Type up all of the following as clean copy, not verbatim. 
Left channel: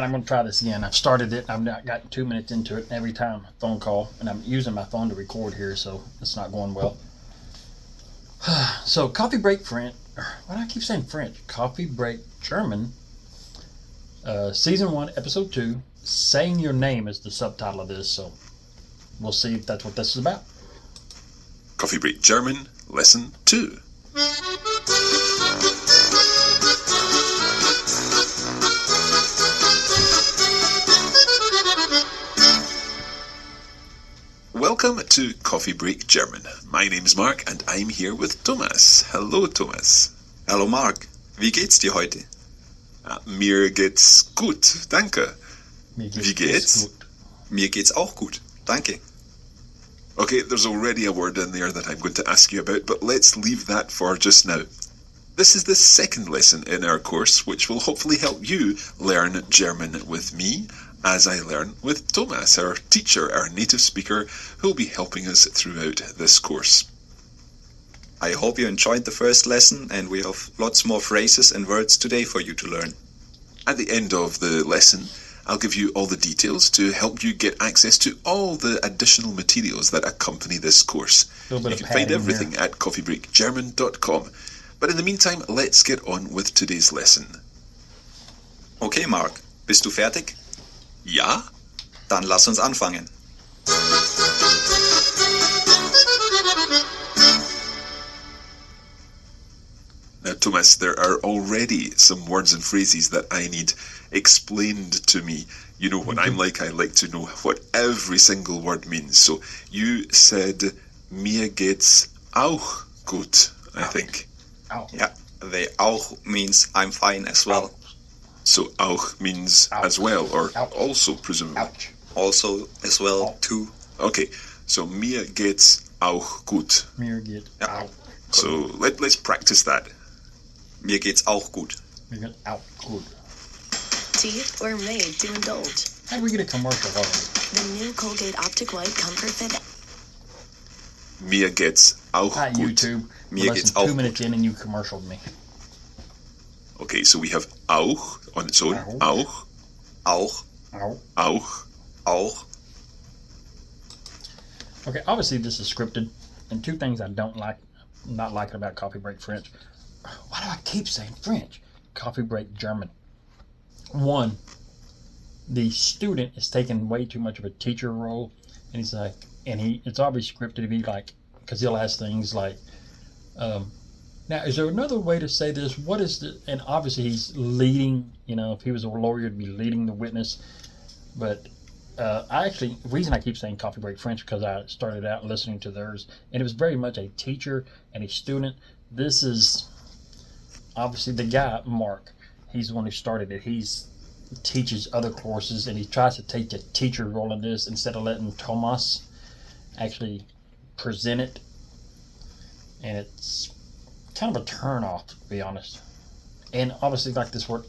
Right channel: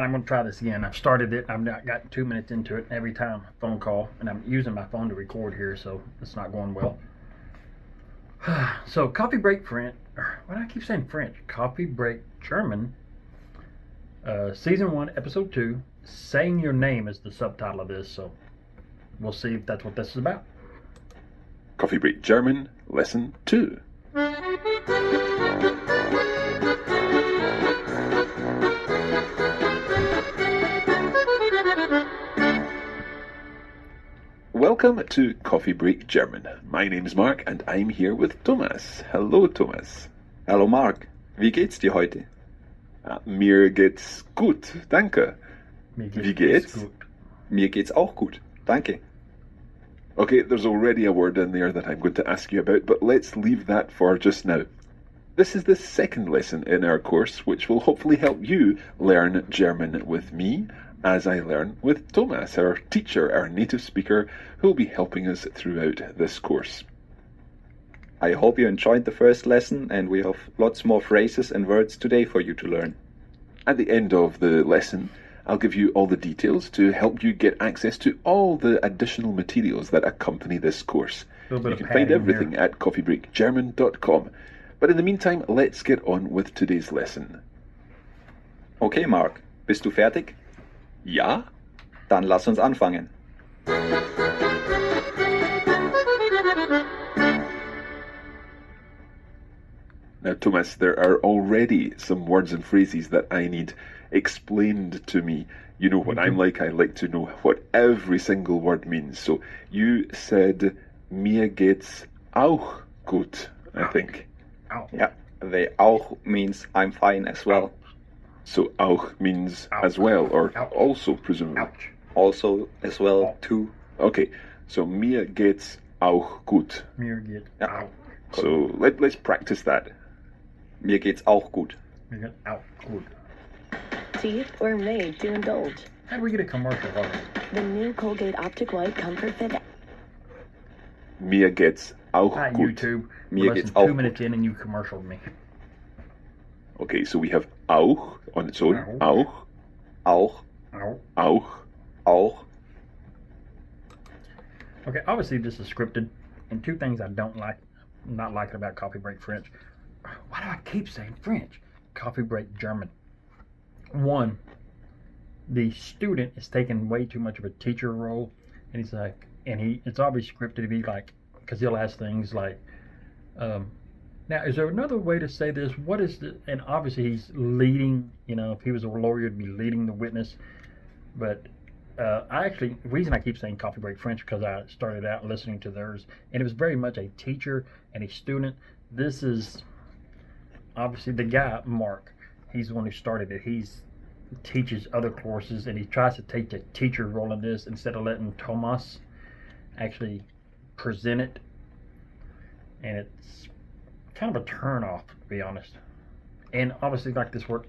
I'm going to try this again. I've started it. I've not got 2 minutes into it. Every time a phone call, and I'm using my phone to record here, so it's not going well. So, Coffee Break French. Why do I keep saying French? Coffee Break German. Season 1, Episode 2. Saying Your Name is the subtitle of this, so we'll see if that's what this is about. Coffee Break German, Lesson 2. Welcome to Coffee Break German. My name's Mark and I'm here with Thomas. Hello, Thomas. Hallo Mark, wie geht's dir heute? Mir geht's gut, danke. Wie geht's? Mir geht's auch gut, danke. Okay, there's already a word in there that I'm going to ask you about, but let's leave that for just now. This is the second lesson in our course, which will hopefully help you learn German with me, as I learn with Thomas, our teacher, our native speaker, who will be helping us throughout this course. I hope you enjoyed the first lesson, and we have lots more phrases and words today for you to learn. At the end of the lesson, I'll give you all the details to help you get access to all the additional materials that accompany this course. You can find everything at coffeebreakgerman.com. But in the meantime, let's get on with today's lesson. Okay, Mark, bist du fertig? Ja? Dann lass uns anfangen. Now, Thomas, there are already some words and phrases that I need explained to me. You know what I'm like. I like to know what every single word means. So you said, mir geht's auch gut, I think. Auch. Yeah, the auch means I'm fine as well. So auch means as well, or also, presumably. Ouch. Also as well, too. Okay, so mir geht's auch gut. Mir geht auch. So let's practice that. Mir geht's auch gut. Mir geht auch gut. Teeth were made to indulge. How do we get a commercial already? The new Colgate Optic White Comfort Fit. Mir geht's auch Hi, gut. YouTube. Mir Less geht's than auch 2 minutes in and you commercialed me. Okay, so we have auch on its own. Auch. Auch. Auch. Auch. Auch. Okay, obviously this is scripted, and two things I don't like, not liking about Coffee Break French. Why do I keep saying French? Coffee Break German. One, the student is taking way too much of a teacher role, and he's like, it's obviously scripted to be like, because he'll ask things like, now is there another way to say this? What is the, and obviously he's leading, if he was a lawyer, he'd be leading the witness, but the reason I keep saying Coffee Break French because I started out listening to theirs, and it was very much a teacher and a student. This is obviously the guy, Mark. He's the one who started it. He teaches other courses, and he tries to take the teacher role in this instead of letting Thomas actually present it. And it's kind of a turn off, to be honest. And obviously, like this word,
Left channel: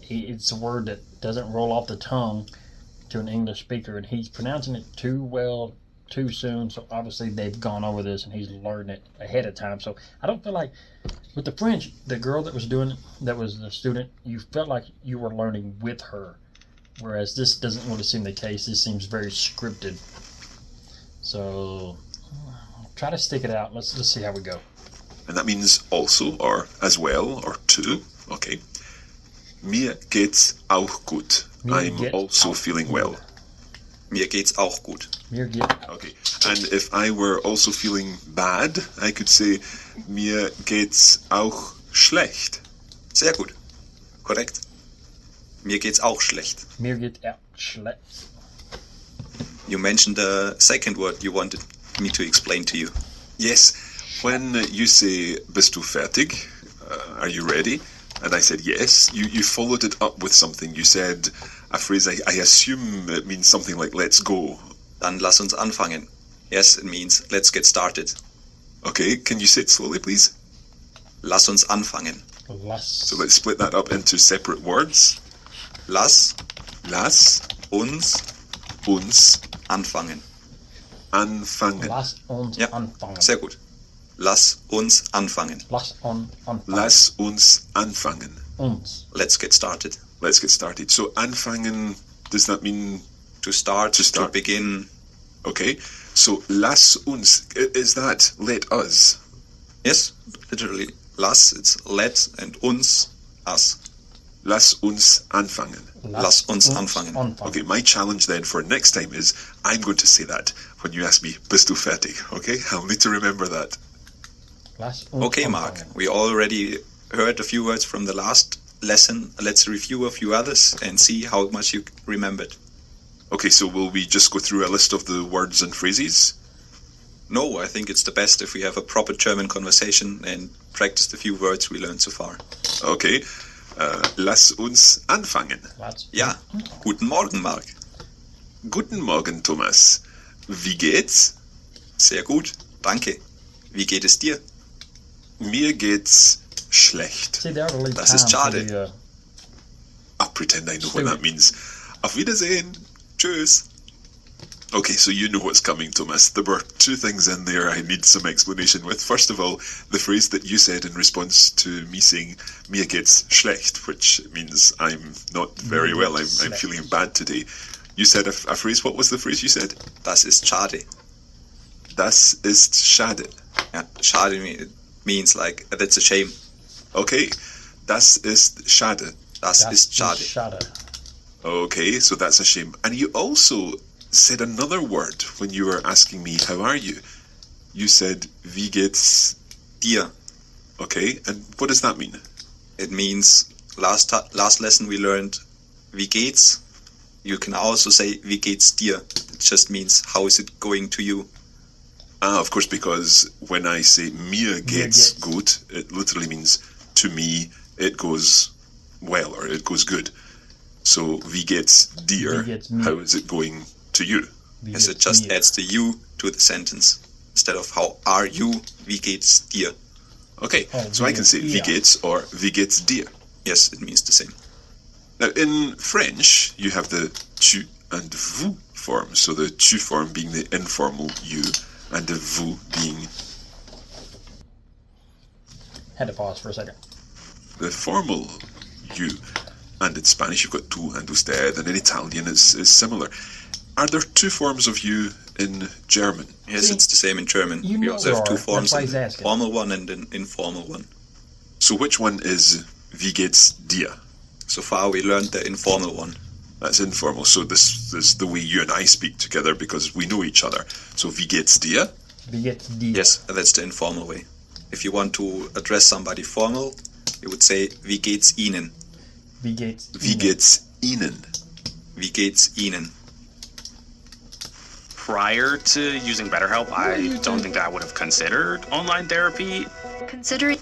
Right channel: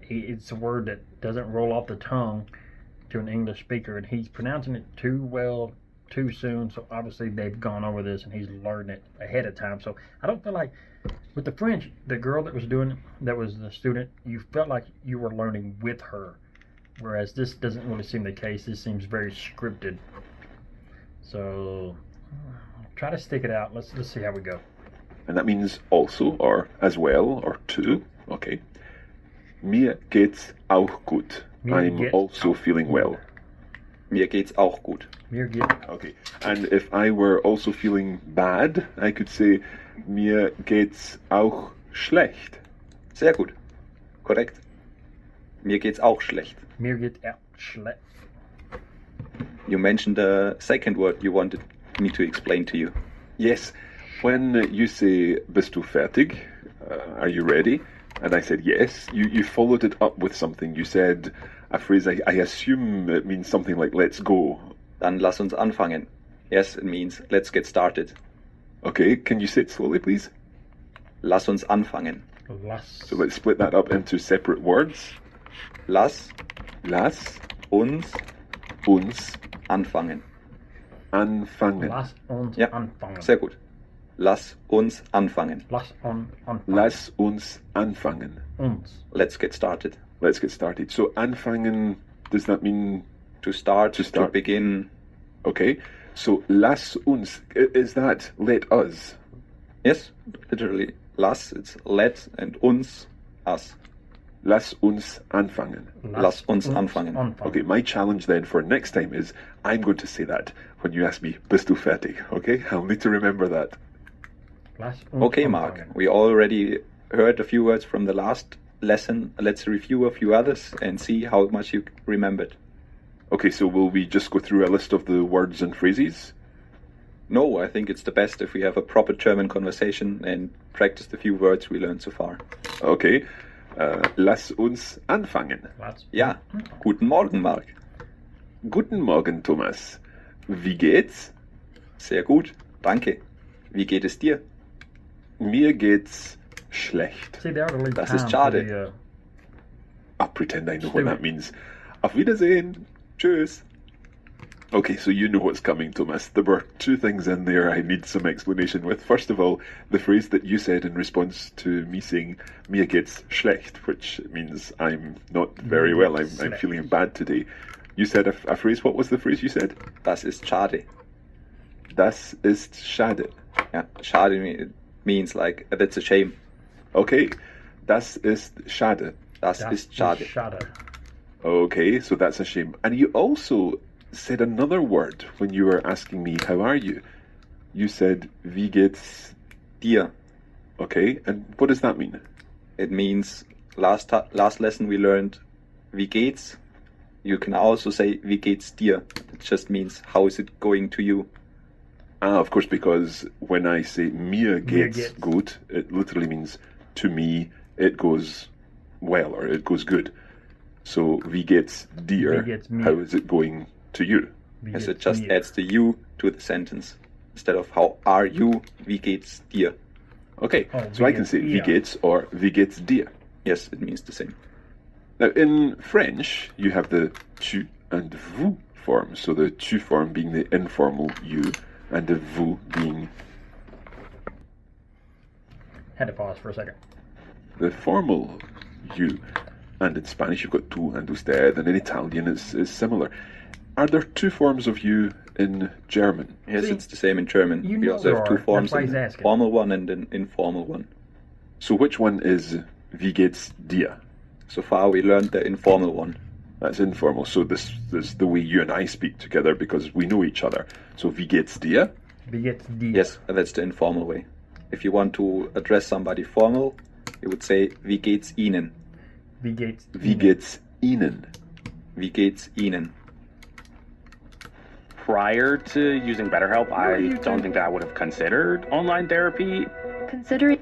it's a word that doesn't roll off the tongue to an English speaker, and he's pronouncing it too well, too soon. So obviously they've gone over this and he's learned it ahead of time. So I don't feel like with the French, the girl that was doing it, that was the student, you felt like you were learning with her, whereas this doesn't really seem the case. This seems very scripted. So try to stick it out. Let's see how we go. And that means also, or as well, or to. Okay. Mir geht's auch gut. I'm also feeling well. Mir geht's auch gut. Mir geht. Okay. And if I were also feeling bad, I could say, mir geht's auch schlecht. Sehr gut. Korrekt. Mir geht's auch schlecht. Mir geht auch schlecht. You mentioned the second word you wanted me to explain to you. Yes. When you say, bist du fertig? Are you ready? And I said yes. You followed it up with something. You said a phrase, I assume it means something like, let's go. Dann lass uns anfangen. Yes, it means, let's get started. Okay, can you say it slowly, please? Lass uns anfangen. So let's split that up into separate words. Lass uns anfangen. Anfangen. Lass uns Ja, anfangen. sehr gut. Lass uns anfangen. Lass uns anfangen. Lass uns anfangen. Uns. Let's get started. let's get started. So anfangen, does that mean To start, to begin. okay? So lass uns, is that let us? Yes, literally. Lass, it's let, and uns, us. Lass uns anfangen. Lass uns anfangen. Okay, my challenge then for next time is I'm going to say that when you ask me, bist du fertig? Okay, I'll need to remember that. Okay, Mark, we already heard a few words from the last lesson. Let's review a few others and see how much you remembered. Okay, so will we just go through a list of the words and phrases? No, I think it's the best if we have a proper German conversation and practice the few words we learned so far. Okay, lass uns anfangen. Ja, guten Morgen, Mark. Guten Morgen, Thomas. Wie geht's? Sehr gut, danke. Wie geht es dir? Mir geht's schlecht. Das ist schade. I'll pretend I know what that means. Auf Wiedersehen. Tschüss. Okay, so you know what's coming, Thomas. There were two things in there I need some explanation with. First of all, the phrase that you said in response to me saying, mir geht's schlecht, which means I'm not very well, I'm feeling bad today. You said a phrase, what was the phrase you said? Das ist schade. Das ist schade. Yeah, schade means like, that's a shame. Okay, das ist schade. Das ist schade. Okay, so that's a shame. And you also said another word when you were asking me, how are you? You said, wie geht's dir? Okay, and what does that mean? It means, last lesson we learned, wie geht's? You can also say, wie geht's dir? It just means, how is it going to you? Ah, of course, because when I say mir geht's gut, it literally means, to me, it goes well, or it goes good. So, wie geht's dir? How is it going to you? Yes, it just adds the you to the sentence. Instead of how are you, wie geht's dir? Okay, so I can say wie geht's or wie geht's dir. Yes, it means the same. Now, in French, you have the tu and vous forms. So the tu form being the informal you, and the vous being... Had to pause for a second. The formal you. And in Spanish, you've got tú and usted, and in Italian, it's similar. Are there two forms of you in German? Yes, it's the same in German. We also have two forms, an formal one and an informal one. So which one is wie geht's dir? So far, we learned the informal one. That's informal. So this is the way you and I speak together because we know each other. So wie geht's dir? Wie geht's dir? Yes, that's the informal way. If you want to address somebody formal, you would say, wie geht's Ihnen? Wie geht's Wie geht's Ihnen? Wie geht's Ihnen? Prior to using BetterHelp, I don't think that I would have considered online therapy. Considering.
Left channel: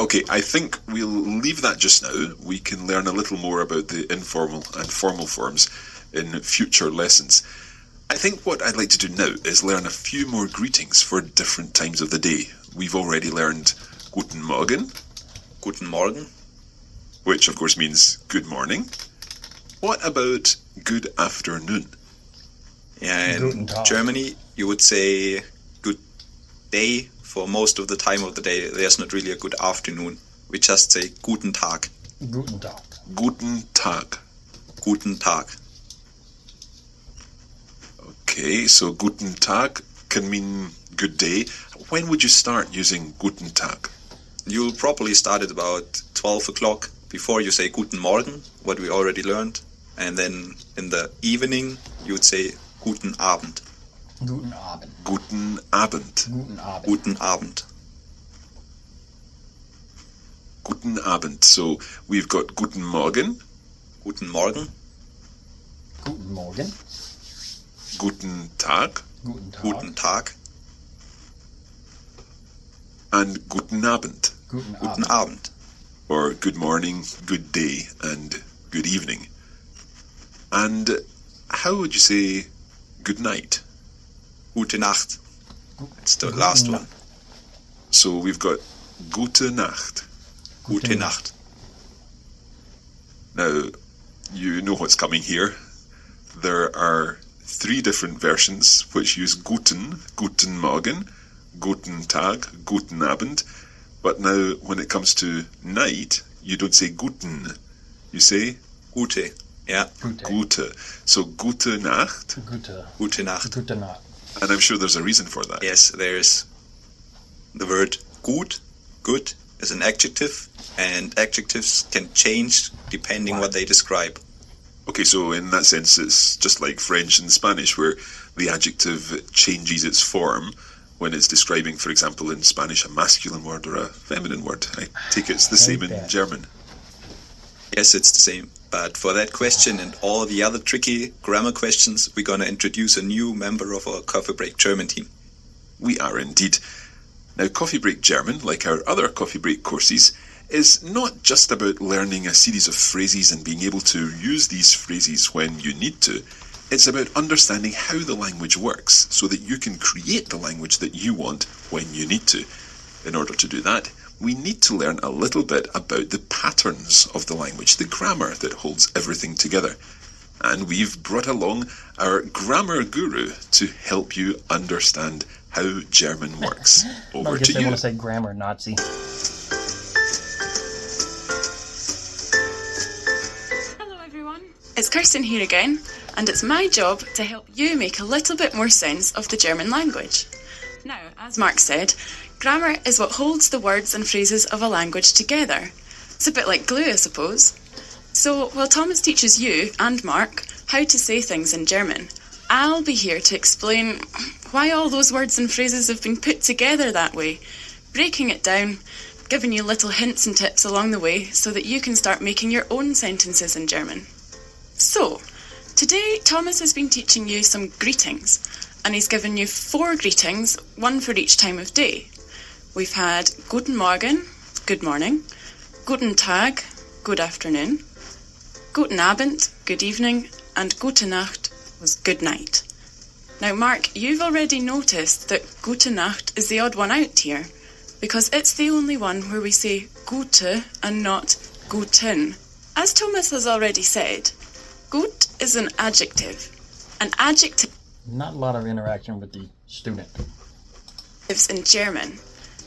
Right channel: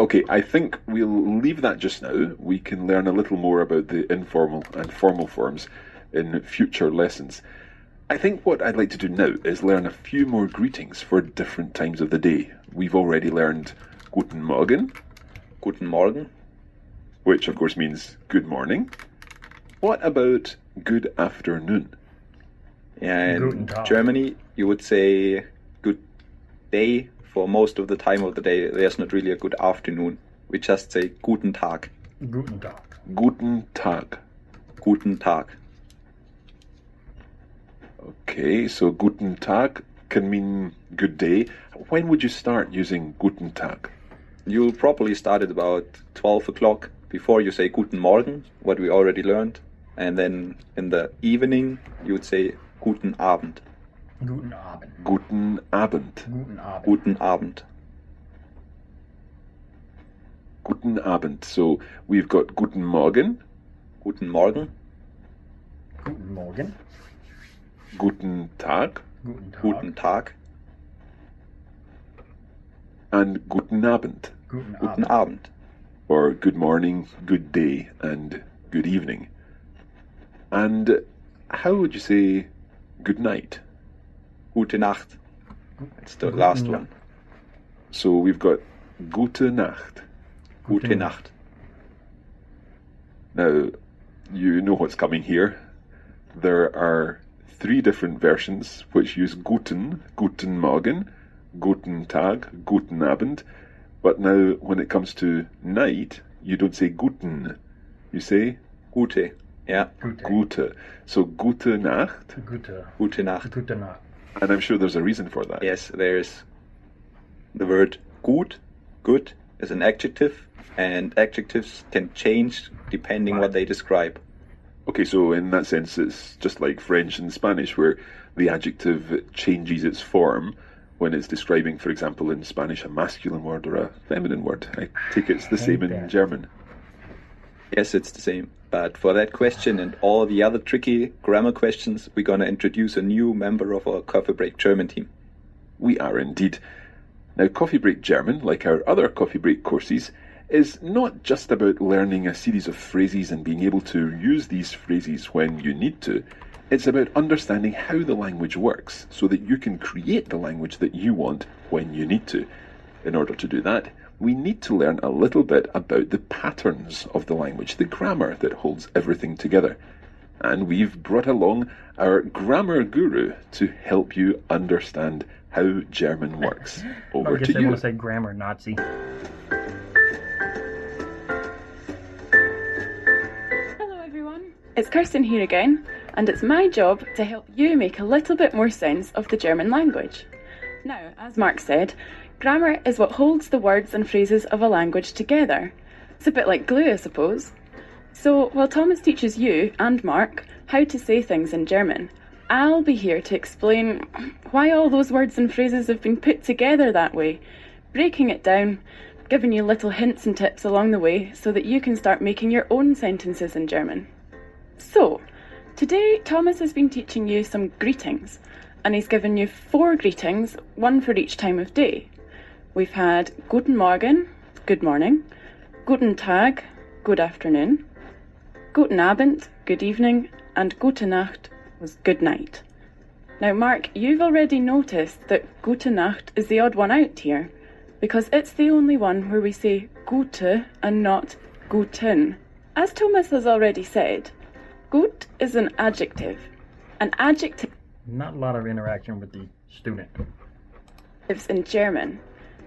Okay, I think we'll leave that just now. We can learn a little more about the informal and formal forms in future lessons. I think what I'd like to do now is learn a few more greetings for different times of the day. We've already learned Guten Morgen. Guten Morgen. Which, of course, means good morning. What about good afternoon? Yeah, in Germany, you would say good day for most of the time of the day. There's not really a good afternoon. We just say Guten Tag. Guten Tag. Guten Tag. Guten Tag. Okay, so Guten Tag can mean good day. When would you start using Guten Tag? You'll probably start at about 12 o'clock before you say Guten Morgen, what we already learned. And then in the evening, you would say Guten Abend. Guten Abend. Guten Abend. Guten Abend. Guten Abend. Guten Abend. So we've got Guten Morgen. Guten Morgen. Guten Morgen. Guten Tag. Guten Tag. Guten Tag. And Guten Abend. Guten Guten Abend. Abend. Or good morning, good day, and good evening. And how would you say good night? Gute Nacht. It's the last one. So we've got Gute Nacht. Gute Nacht. Now, you know what's coming here. There are 3 different versions which use Guten, Guten Morgen, Guten Tag, Guten Abend. But now, when it comes to night, you don't say guten. You say Gute. Yeah. gute. So gute Nacht. Gute Nacht. Gute Nacht. And I'm sure there's a reason for that. Yes, there's the word gut. Good is an adjective, and adjectives can change depending what they describe. Okay, so in that sense, it's just like French and Spanish, where the adjective changes its form when it's describing, for example, in Spanish, a masculine word or a feminine word. I take it's the same in German. Yes, it's the same. But for that question and all the other tricky grammar questions, we're going to introduce a new member of our Coffee Break German team. We are indeed. Now, Coffee Break German, like our other Coffee Break courses, is not just about learning a series of phrases and being able to use these phrases when you need to. It's about understanding how the language works so that you can create the language that you want when you need to. In order to do that, we need to learn a little bit about the patterns of the language, the grammar that holds everything together. And we've brought along our grammar guru to help you understand how German works. Over to I you. want to say grammar Nazi. Hello everyone, it's Kirsten here again, and it's my job to help you make a little bit more sense of the German language. Now, as Mark said, grammar is what holds the words and phrases of a language together. It's a bit like glue, I suppose. So, while Thomas teaches you and Mark how to say things in German, I'll be here to explain why all those words and phrases have been put together that way, breaking it down, giving you little hints and tips along the way so that you can start making your own sentences in German. So, today Thomas has been teaching you some greetings, and he's given you 4 greetings, one for each time of day. We've had Guten Morgen, good morning, Guten Tag, good afternoon, Guten Abend, good evening, and Gute Nacht was good night. Now, Mark, you've already noticed that Gute Nacht is the odd one out here, because it's the only one where we say gute and not guten. As Thomas has already said, gut is an adjective. An adjective Not a lot of interaction with the student. lives in German,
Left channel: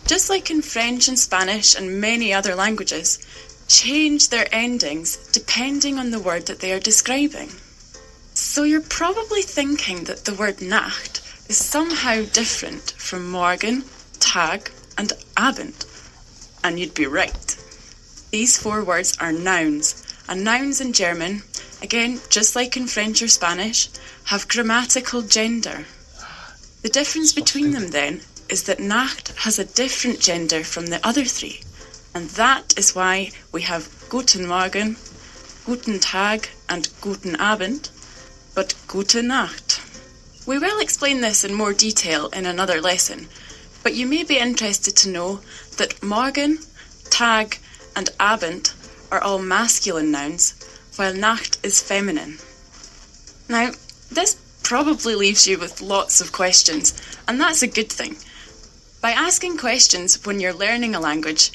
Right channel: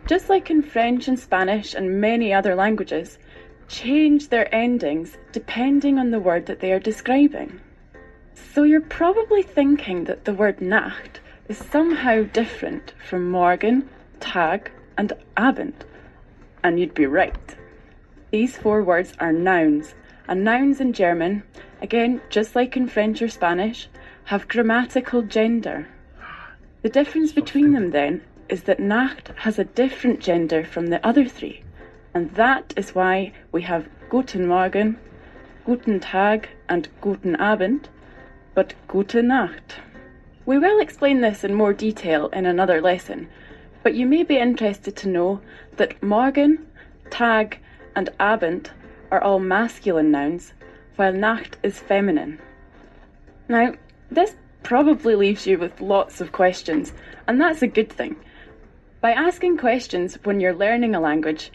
just like in French and Spanish and many other languages, change their endings depending on the word that they are describing. So you're probably thinking that the word Nacht is somehow different from Morgen, Tag, and Abend. And you'd be right. These 4 words are nouns, and nouns in German, again, just like in French or Spanish, have grammatical gender. The difference between them then is that Nacht has a different gender from the other 3, and that is why we have Guten Morgen, Guten Tag, and Guten Abend, but Gute Nacht. We will explain this in more detail in another lesson, but you may be interested to know that Morgen, Tag, and Abend are all masculine nouns, while Nacht is feminine. Now, this probably leaves you with lots of questions, and that's a good thing. By asking questions when you're learning a language,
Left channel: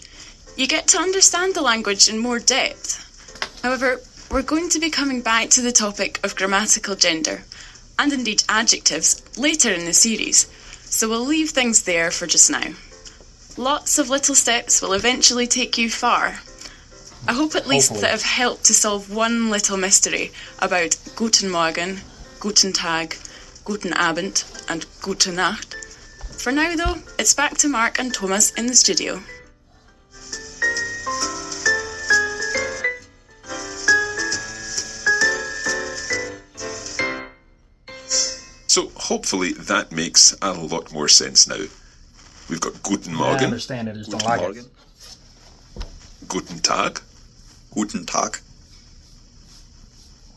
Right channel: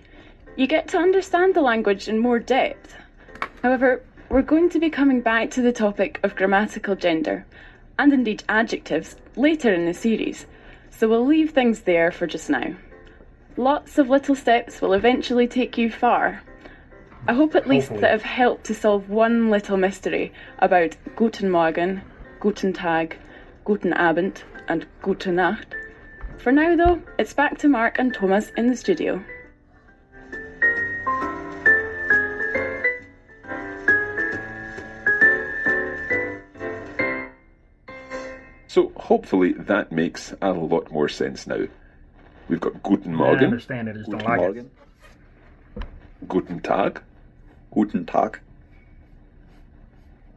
you get to understand the language in more depth. However, we're going to be coming back to the topic of grammatical gender, and indeed adjectives, later in the series, so we'll leave things there for just now. Lots of little steps will eventually take you far. I hope at least that I've helped to solve one little mystery about Guten Morgen, Guten Tag, Guten Abend, and Gute Nacht. For now, though, it's back to Mark and Thomas in the studio. So hopefully that makes a lot more sense now. We've got Guten Morgen. I understand it, I just don't like it. Guten Tag. Guten Tag.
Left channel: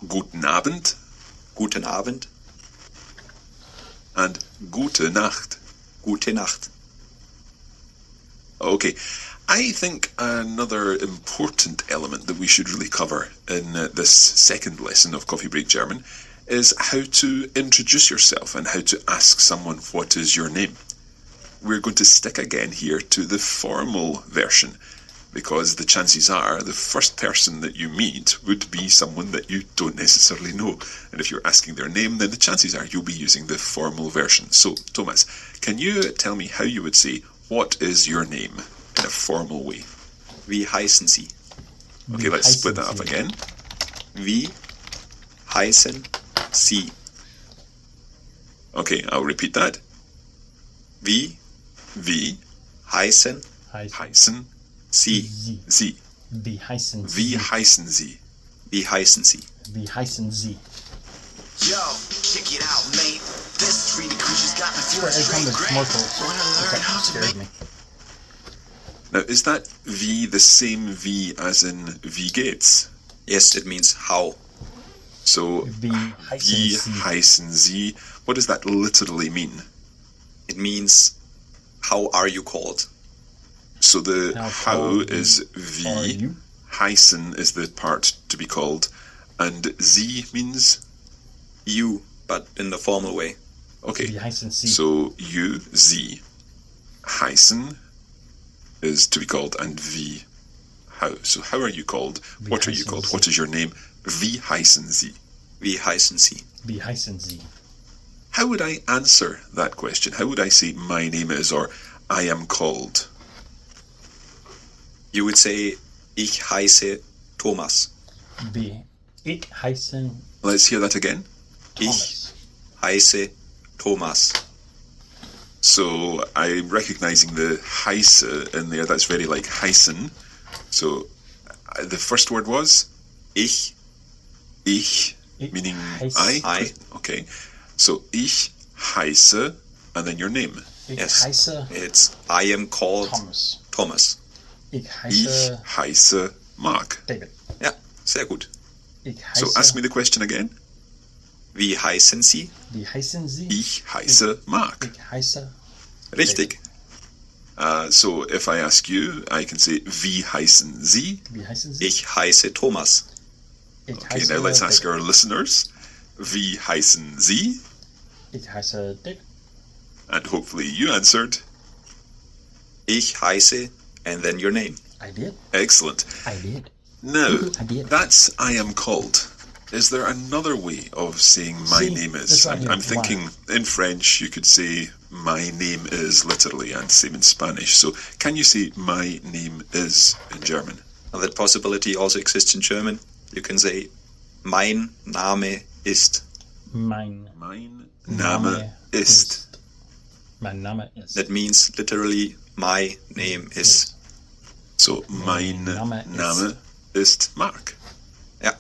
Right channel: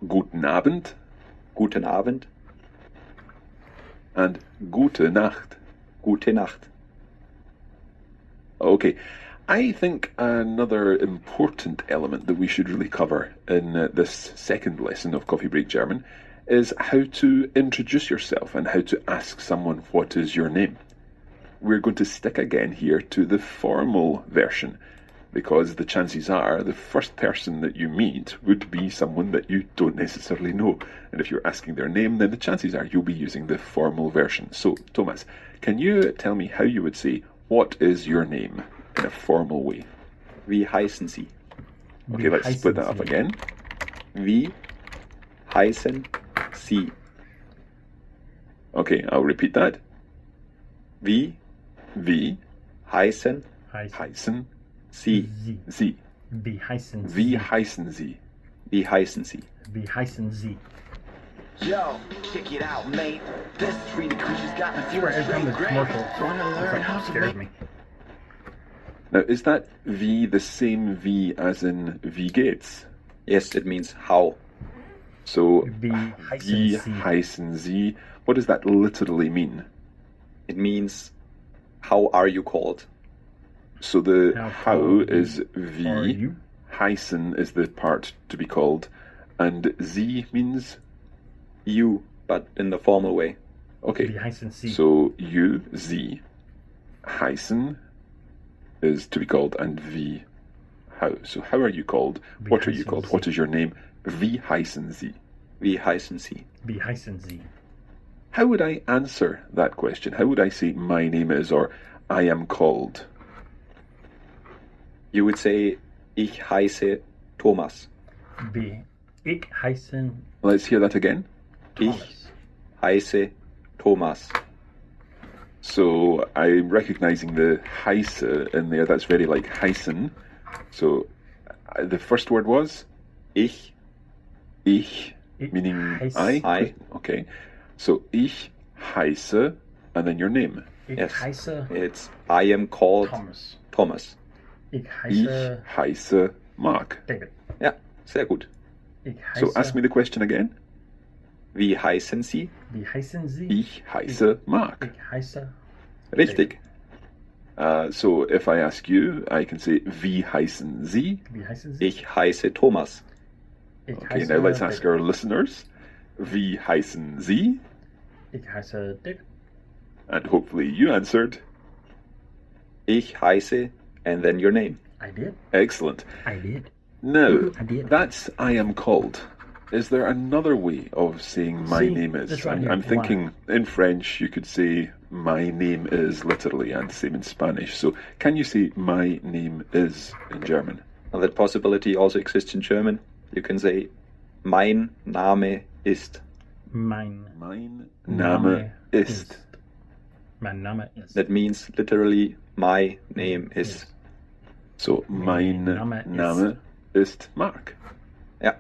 Guten Abend. Guten Abend. And Gute Nacht. Gute Nacht. Okay, I think another important element that we should really cover in this second lesson of Coffee Break German is how to introduce yourself and how to ask someone what is your name. We're going to stick again here to the formal version, because the chances are the first person that you meet would be someone that you don't necessarily know. And if you're asking their name, then the chances are you'll be using the formal version. So, Thomas, can you tell me how you would say, what is your name, in a formal way? Wie heißen Sie? Okay, let's split that up again. Wie heißen Sie? Okay, I'll repeat that. Wie Wie heißen heißen Sie? Sie? Wie heißen Sie? Wie heißen Sie? Wie heißen Sie? Wie heißen Sie? Yo, kick it out, mate. This 3D creature's got me feeling Every time straight the great. commercial Wanna learn how to scares make me. Now, is that wie the same wie as in wie geht's? Yes, it means how. So, Wie wie heißen Sie? heißen Sie? What does that literally mean? It means how are you called? So the How how called is are wie, you? heißen is the part to be called, and Sie means You, but in the formal way. okay. Wie heißen Sie? So you, Sie, heißen is to be called, and wie, how. So how are you called? Wie What are you heißen called? Sie? What is your name? Wie heißen Sie? Wie heißen Sie? Wie heißen Sie? How would I answer that question? How would I say my name is or I am called? You would say, ich heiße Thomas. Wie ich heiße Let's hear that again. Ich Thomas. heiße Thomas. So I'm recognizing the heiße in there. That's very like heißen. So the first word was Ich ich, Ich meaning heiße- I. Okay. So ich heiße, and then your name. Ich Yes. heiße It's I am called Thomas. Thomas. Ich Ich heiße heiße Mark. David. Ja, sehr gut. Ich heiße, So ask me the question again. Wie heißen Sie? Wie heißen Sie? Ich heiße Mark. Ich heiße Richtig. So if I ask you, I can say wie heißen Sie? Wie heißen Sie? Ich heiße Thomas. Ich Okay, heiße now let's ask David. our listeners. Wie heißen Sie? Ich heiße David. And hopefully you answered. Ich heiße and then your name. I did. Excellent. I did. Now, I did. that's I am called. Is there another way of saying my See, name this is? one I'm is thinking in French you could say my name is literally, and same in Spanish. So can you say my name is in German? And that possibility also exists in German. You can say mein Name ist. Mein Mein Name ist. Mein Name ist. That means literally my name is. So mein Name Name ist Mark. Ja,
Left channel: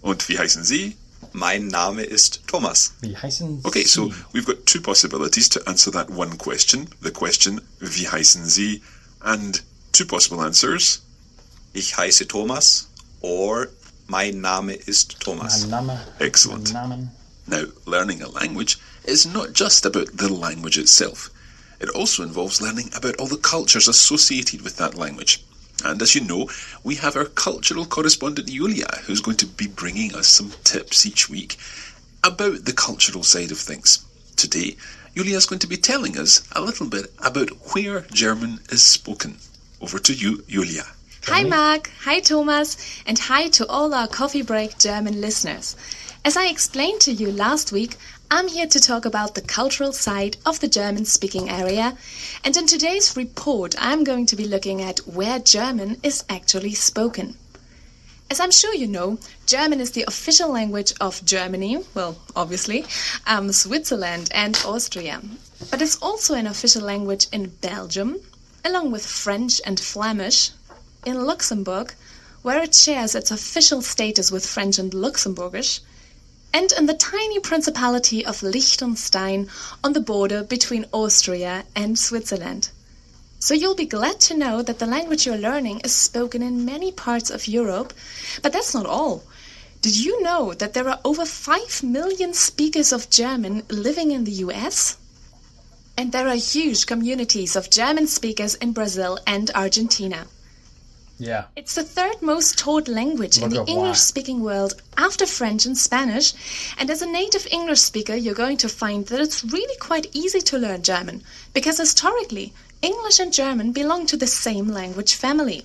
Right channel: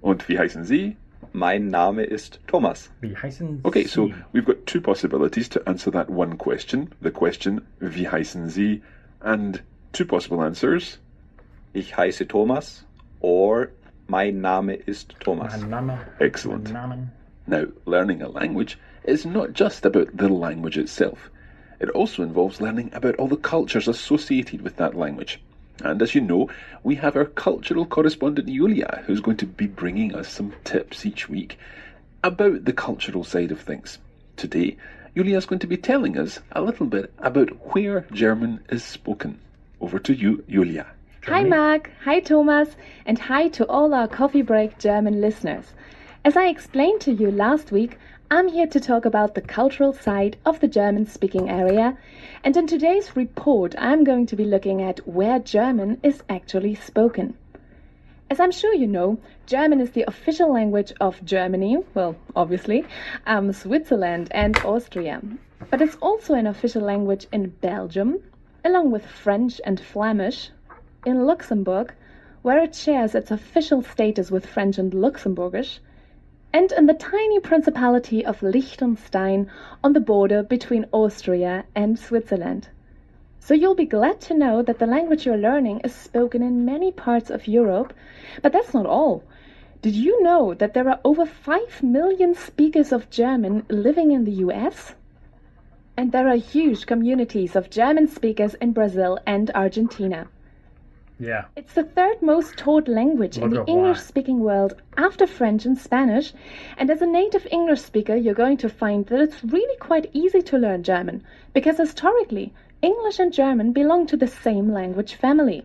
Und wie heißen Sie? mein Name ist Thomas. Wie heißen Okay, Sie? so we've got two possibilities to answer that one question. The question, wie heißen Sie? And two possible answers. Ich heiße Thomas or mein Name ist Thomas. Mein Name. Excellent. Mein Namen. Now, learning a language is not just about the language itself. It also involves learning about all the cultures associated with that language. And as you know, we have our cultural correspondent Julia, who's going to be bringing us some tips each week about the cultural side of things. Today, Julia is going to be telling us a little bit about where German is spoken. Over to you, Julia. Hi Mark, hi Thomas, and hi to all our Coffee Break German listeners. As I explained to you last week, I'm here to talk about the cultural side of the German-speaking area, and in today's report I'm going to be looking at where German is actually spoken. As I'm sure you know, German is the official language of Germany, well, obviously, Switzerland and Austria. But it's also an official language in Belgium, along with French and Flemish, in Luxembourg, where it shares its official status with French and Luxembourgish, and in the tiny principality of Liechtenstein on the border between Austria and Switzerland. So you'll be glad to know that the language you're learning is spoken in many parts of Europe, but that's not all. Did you know that there are over 5 million speakers of German living in the US? And there are huge communities of German speakers in Brazil and Argentina. Yeah. It's the third most taught language in Look the up why. English-speaking world after French and Spanish, and as a native English speaker you're going to find that it's really quite easy to learn German, because historically, English and German belong to the same language family.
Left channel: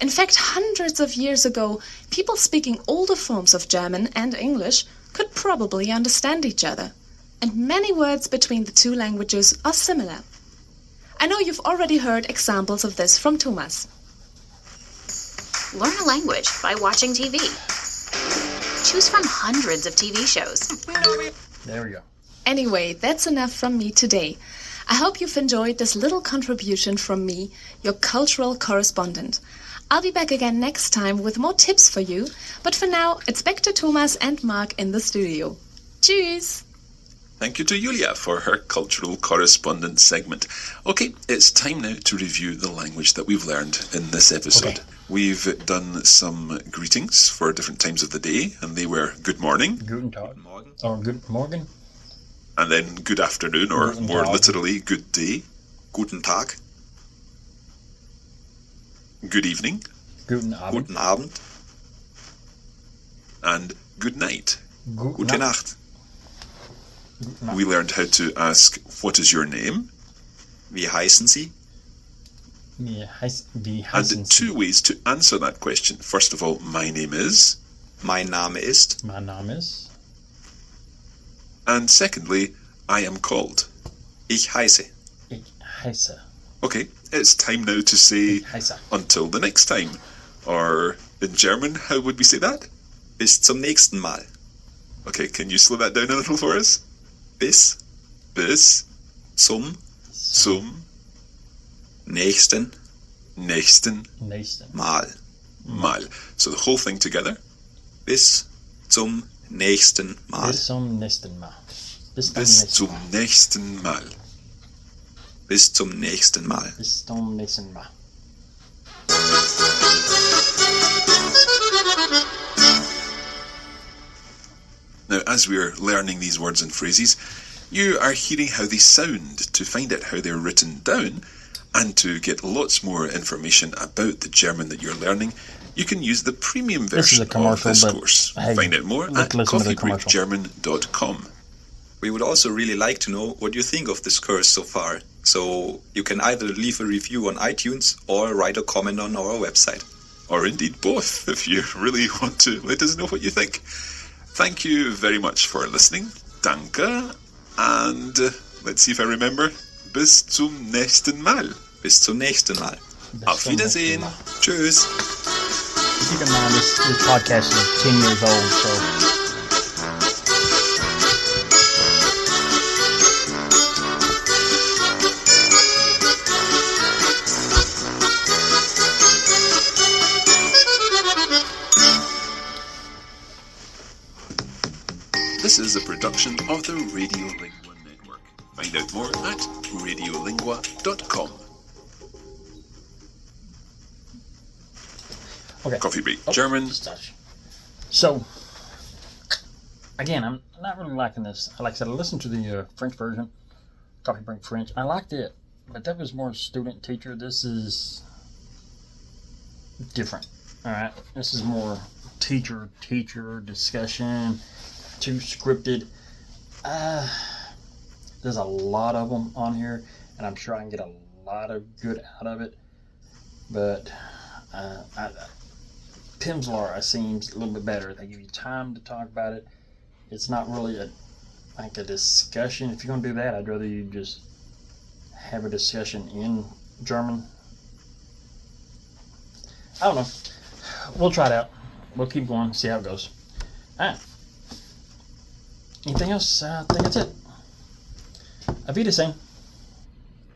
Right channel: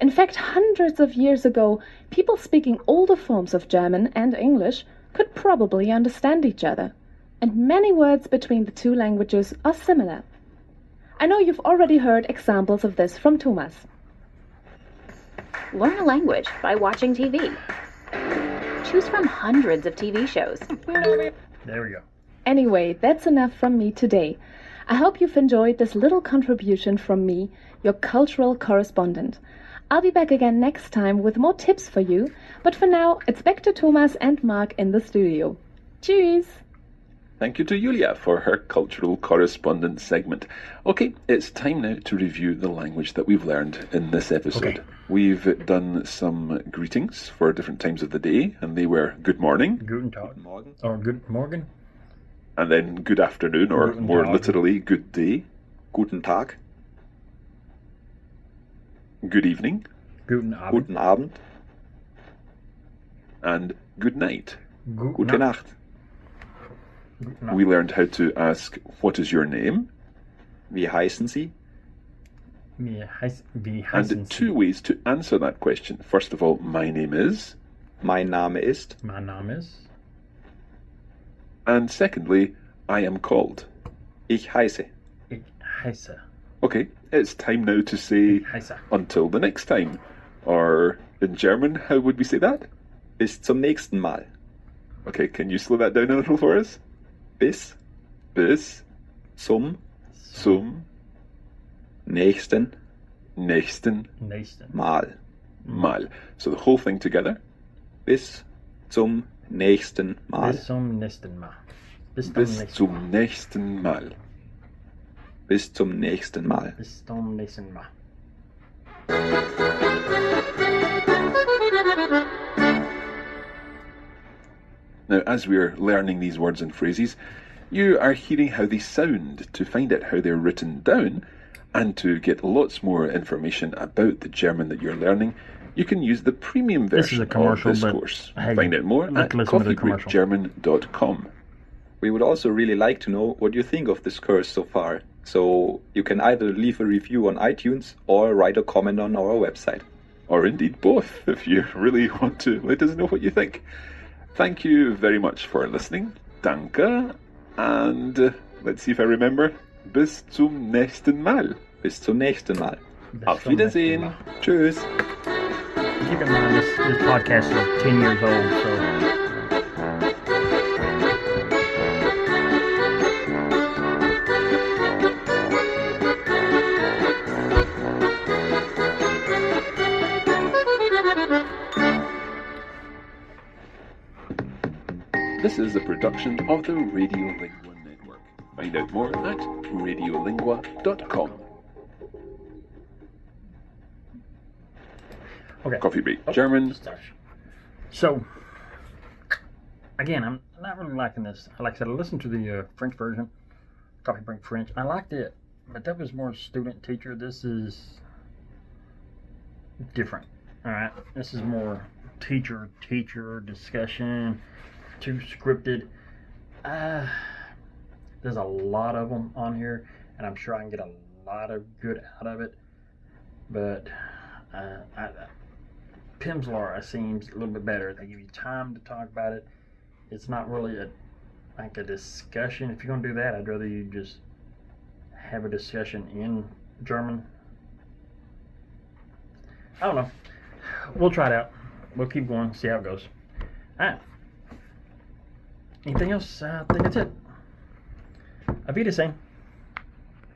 In fact, hundreds of years ago, people speaking older forms of German and English could probably understand each other, and many words between the two languages are similar. I know you've already heard examples of this from Thomas. Learn a language by watching TV. Choose from hundreds of TV shows. There we go. Anyway, that's enough from me today. I hope you've enjoyed this little contribution from me, your cultural correspondent. I'll be back again next time with more tips for you, but for now, it's back to Thomas and Mark in the studio. Tschüss! Thank you to Julia for her cultural correspondent segment. Okay, it's time now to review the language that we've learned in this episode. Okay. We've done some greetings for different times of the day, and they were good morning. Guten Tag. Guten Morgen. Or good morgen. And then good afternoon, or Guten more Tag. literally, good day. Guten Tag. Good evening. Guten Abend. Guten Abend. And good night. Gute Nacht. We learned how to ask, what is your name? Wie heißen Sie? Wie heißen And Sie? 2 ways to answer that question. First of all, my name is. Mein Name ist. Mein Name ist. And secondly, I am called. Ich heiße. Ich heiße. Okay, it's time now to say Ich heiße. until the next time. Or in German, how would we say that? Bis zum nächsten Mal. Okay, can you slow that down a little for us? Bis Bis zum zum nächsten nächsten Nächsten. Mal. Mal. So the whole thing together. Bis zum nächsten Mal. Bis zum nächsten Mal. Bis Bis zum zum nächsten Mal. Bis zum nächsten Mal. Bis zum nächsten Mal. Now, as we're learning these words and phrases, you are hearing how they sound to find out how they're written down, and to get lots more information about the German that you're learning, you can use the premium This is a version of commercial, this but course. hey, Find out more let's at listen to the commercial. coffeebreakgerman.com. We would also really like to know what you think of this course so far. So you can either leave a review on iTunes or write a comment on our website. Or indeed both, if you really want to let us know what you think. Thank you very much for listening. Danke. And let's see if I remember. Bis zum nächsten Mal. Bis zum nächsten Mal. Auf Wiedersehen. Tschüss. Keep in mind this podcast is 10 years old, so This is a production of the Radiolingua Network. Find out more at radiolingua.com. okay. Coffee Break Oh, German. just touch. So, again, I'm not really liking this. Like I said, I listened to the French version, Coffee Break French. I liked it, but that was more student-teacher. This is different. All right, this is more teacher discussion. Too scripted. There's a lot of them on here, and I'm sure I can get a lot of good out of it. But Pimsleur seems a little bit better. They give you time to talk about it. It's not really a discussion. If you're gonna do that, I'd rather you just have a discussion in German. I don't know. We'll try it out. We'll keep going, see how it goes. All right. Anything else? I think that's it. Auf Wiedersehen.